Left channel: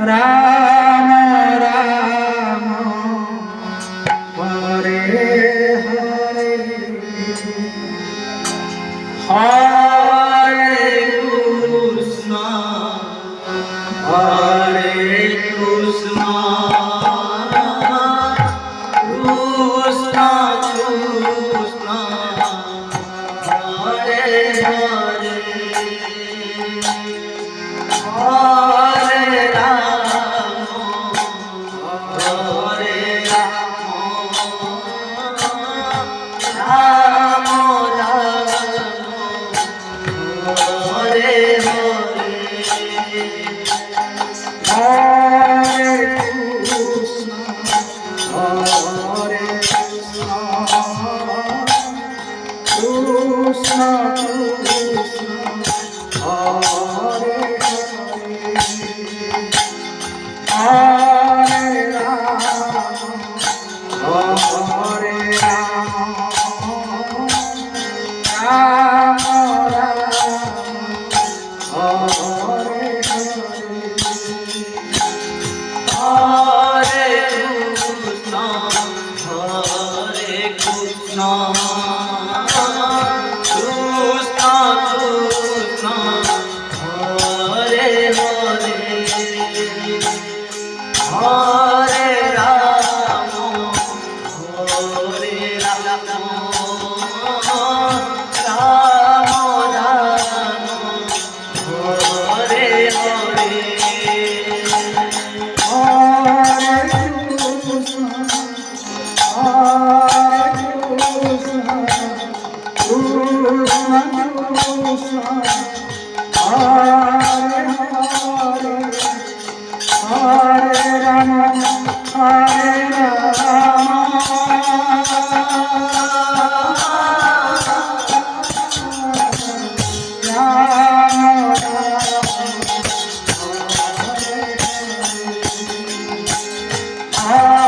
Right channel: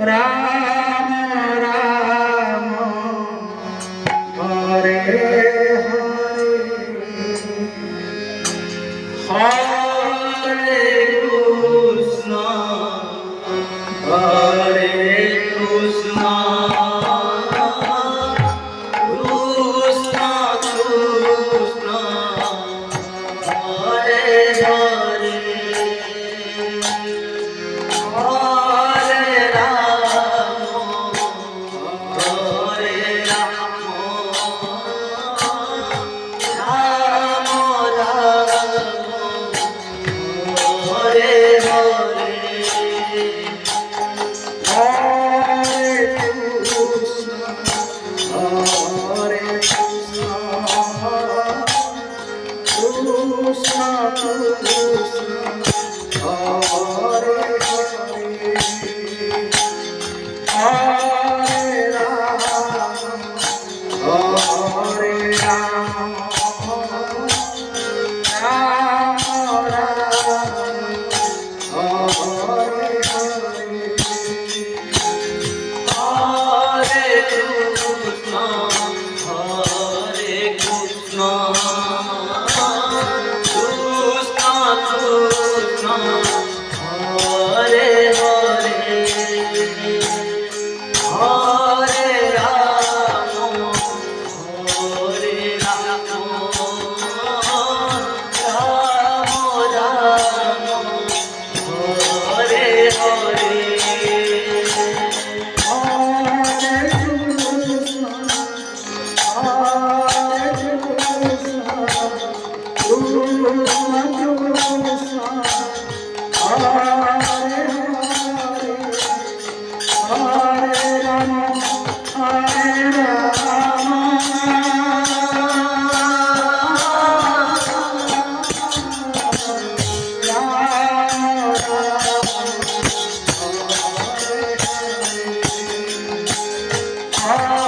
Ram Ram Hare Hare Hare Krishna Hare Krishna Krishna Krishna Hare Hare Hare Ram Hare Ram Ram Ram Hare Hare Hare Krishna Hare Krishna Krishna Krishna Hare Hare Hare Ram Hare Ram Ram Ram Hare Hare Hare Krishna Hare Krishna Krishna Krishna Hare Hare Hare Ram Hare Ram Ram Ram Hare Hare Hare Krishna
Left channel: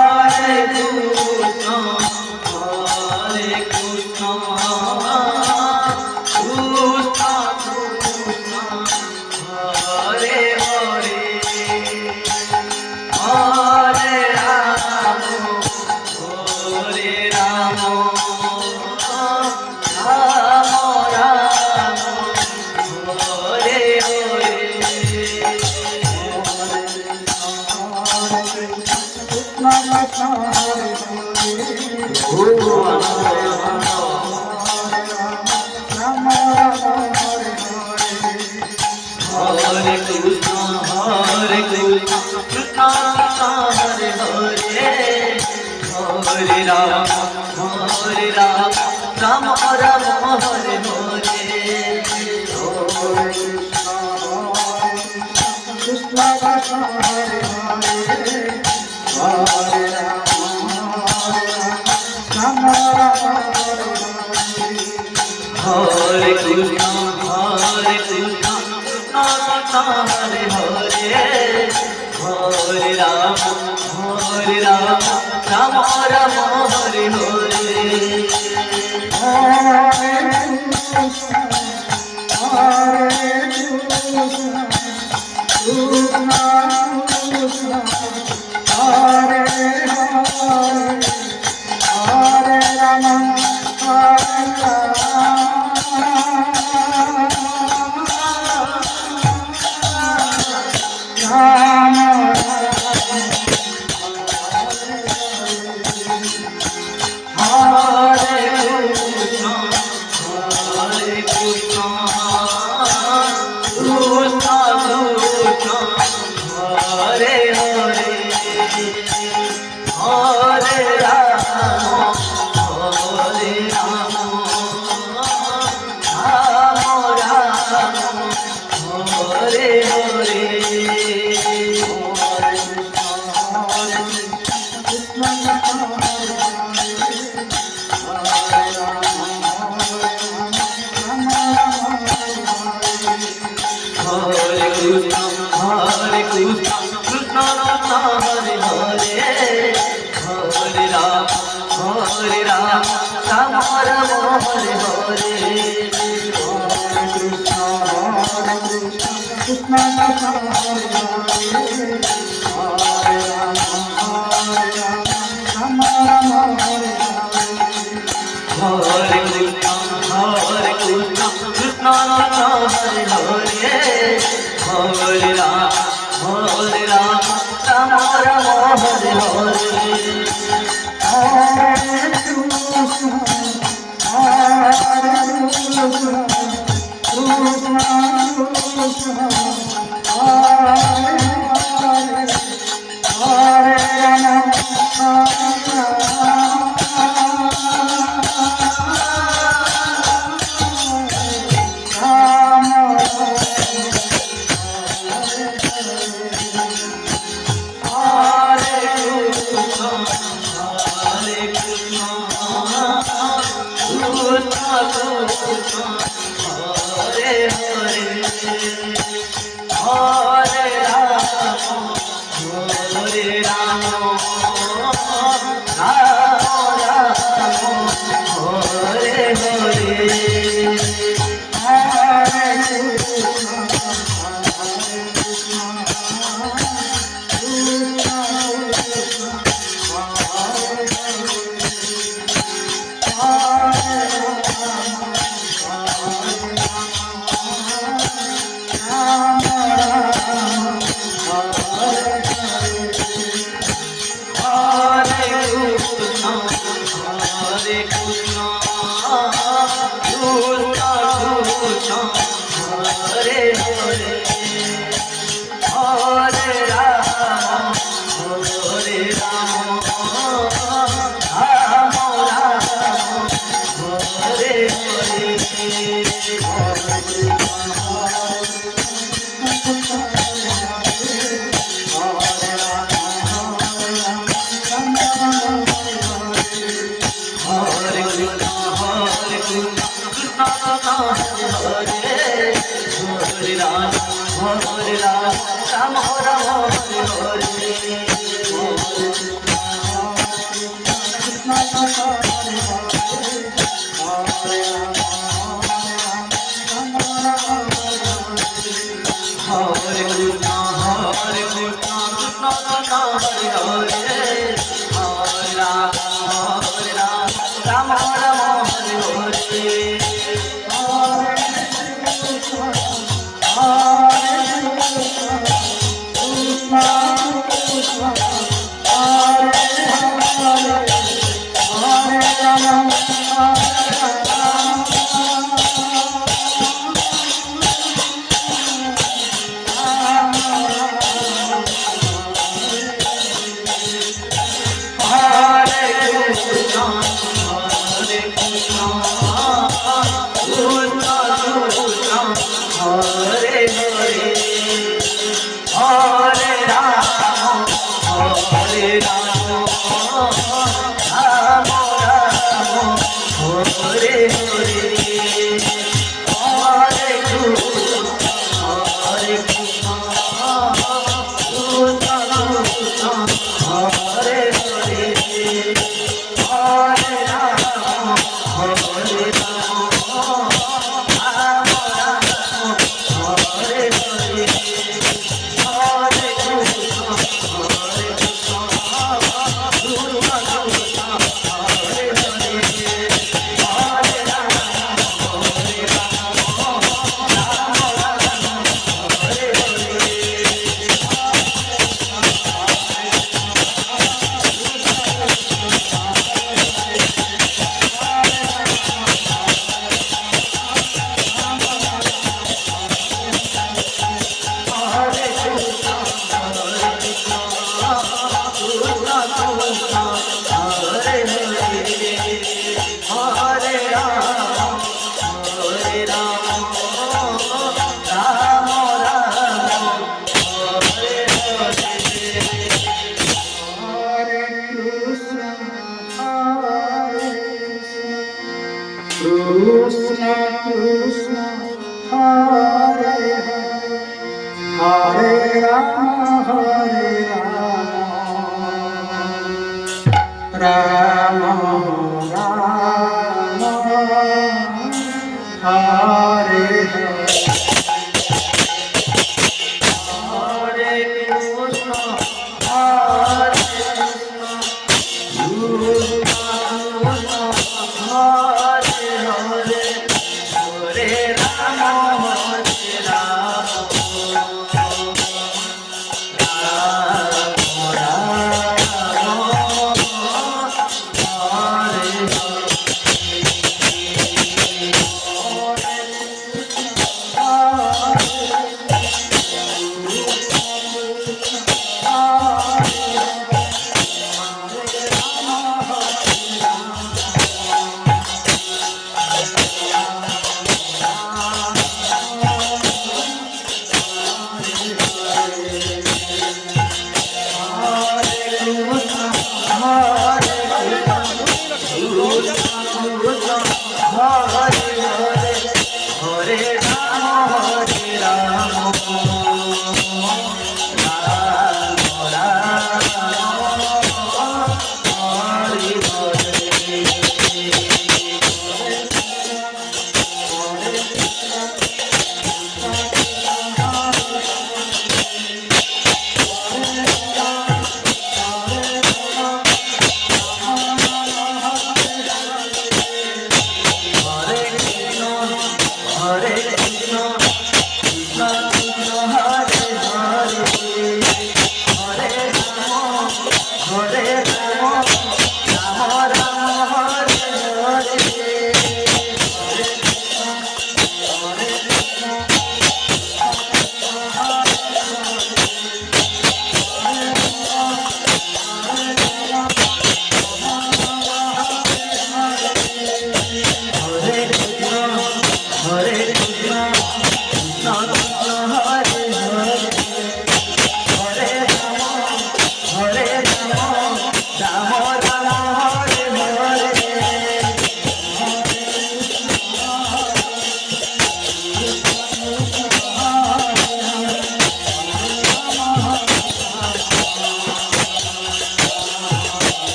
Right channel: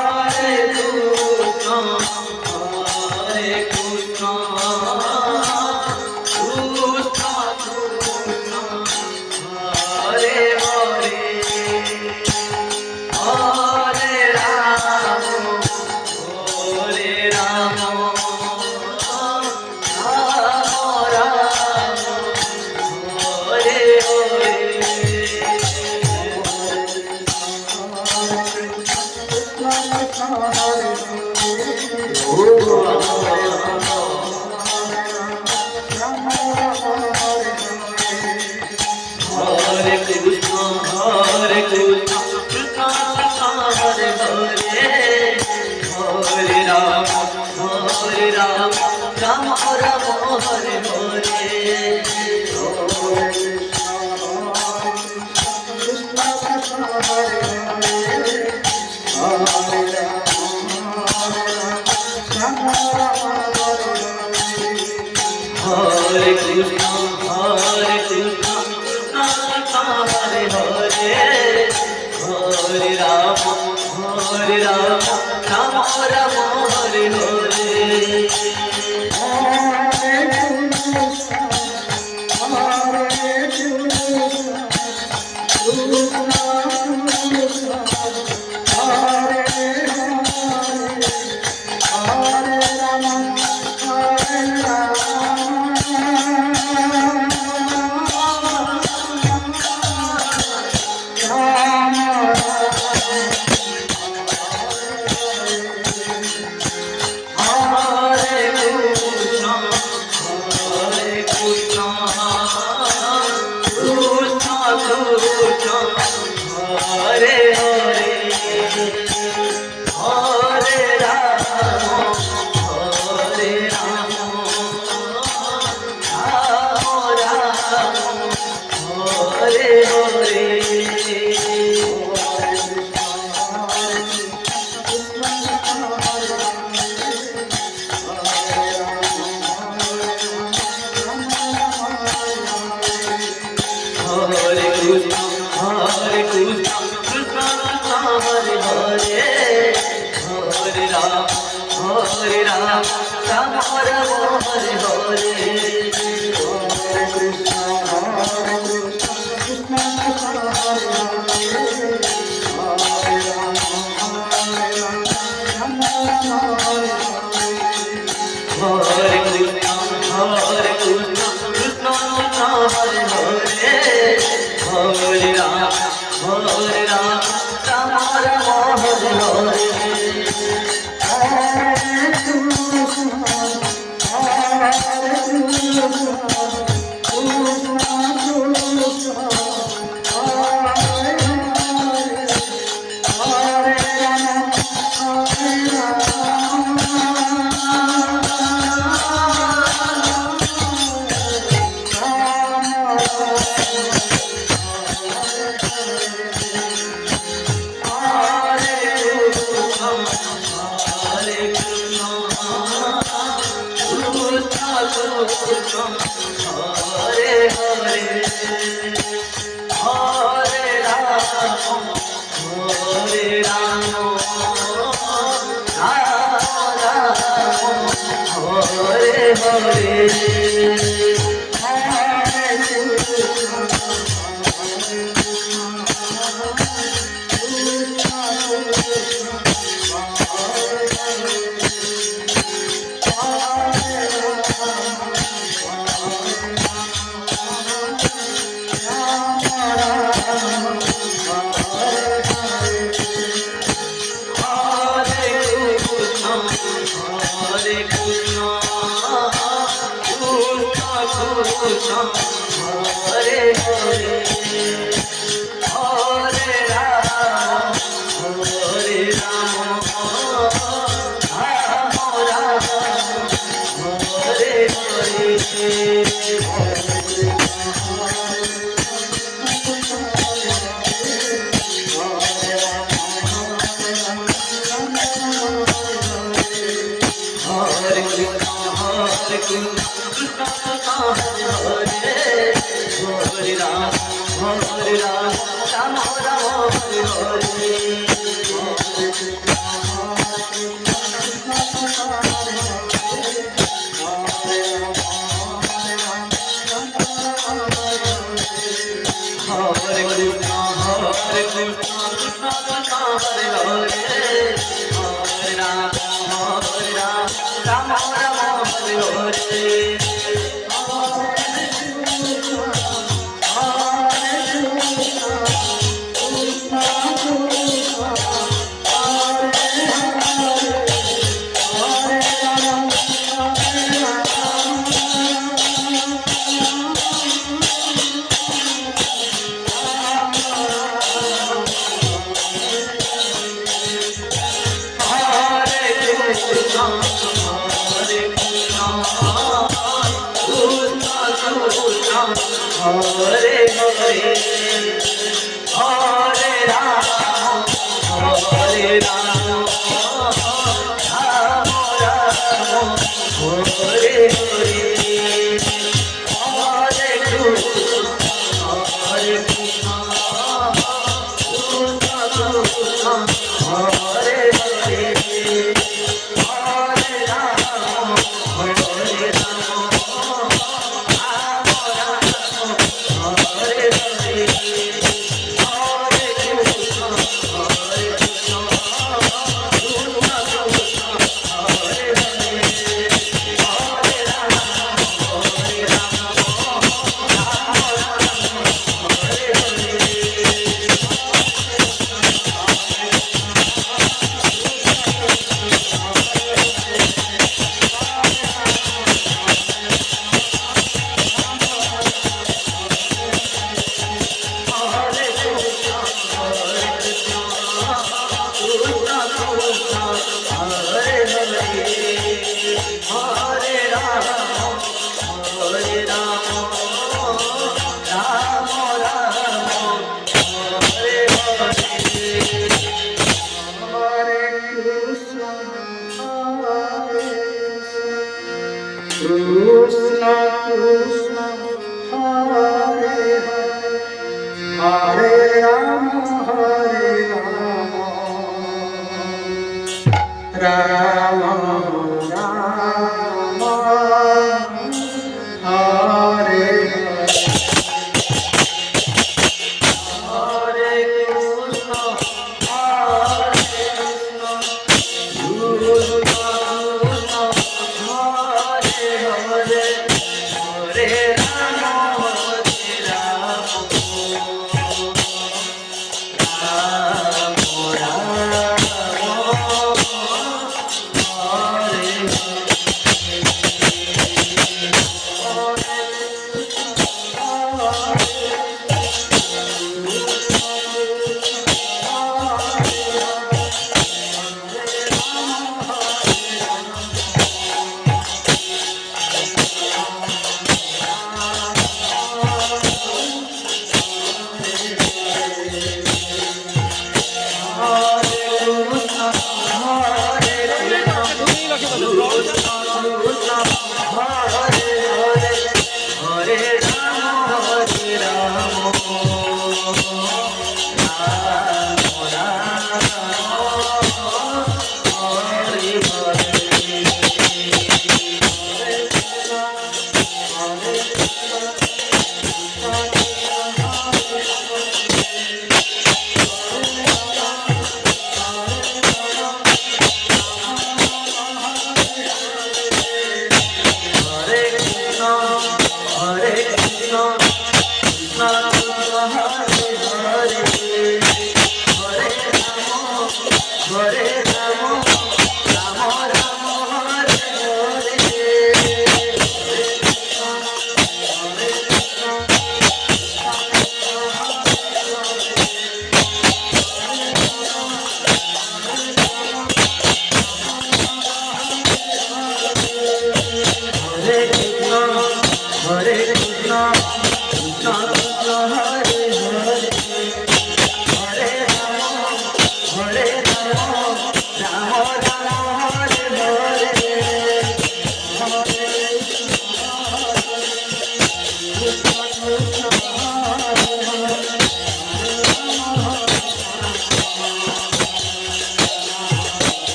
Hare Krishna Krishna Krishna Hare Hare Hare Ram Hare Ram Hare Krishna Hare Krishna Krishna Krishna Hare Hare Hare Ram Hare Ram Ram Ram Hare Hare Hare Krishna Hare Krishna Krishna Hare Hare Hare Ram Ram Ram Hare Hare Krishna Hare Hare Hare Ram Hare Krishna Hare Krishna Hare Hare Hare Ram Ram Ram Hare Hare Hare Krishna Hare Krishna Krishna Krishna Hare Hare Hare Ram Hare Ram Hare Krishna Hare Krishna Krishna Krishna Hare Hare Hare Ram Hare Ram Ram Ram Hare Hare Hare Krishna Hare Krishna Krishna Hare Hare Hare Ram Ram Ram Hare Hare Hare Krishna Krishna Hare Hare Hare Rama, Rama Rama, Hare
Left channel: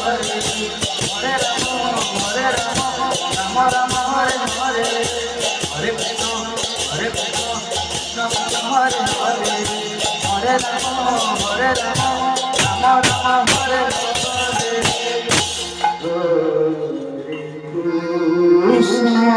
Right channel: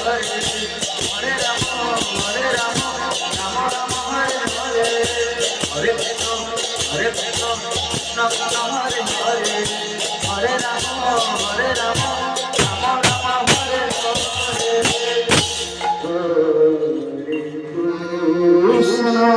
Hare Rama, Rama Rama, Hare Hare, Hare Krishna, Krishna Krishna, Hare Hare, Hare Rama, Rama Rama, Hare Hare, Hare Krishna.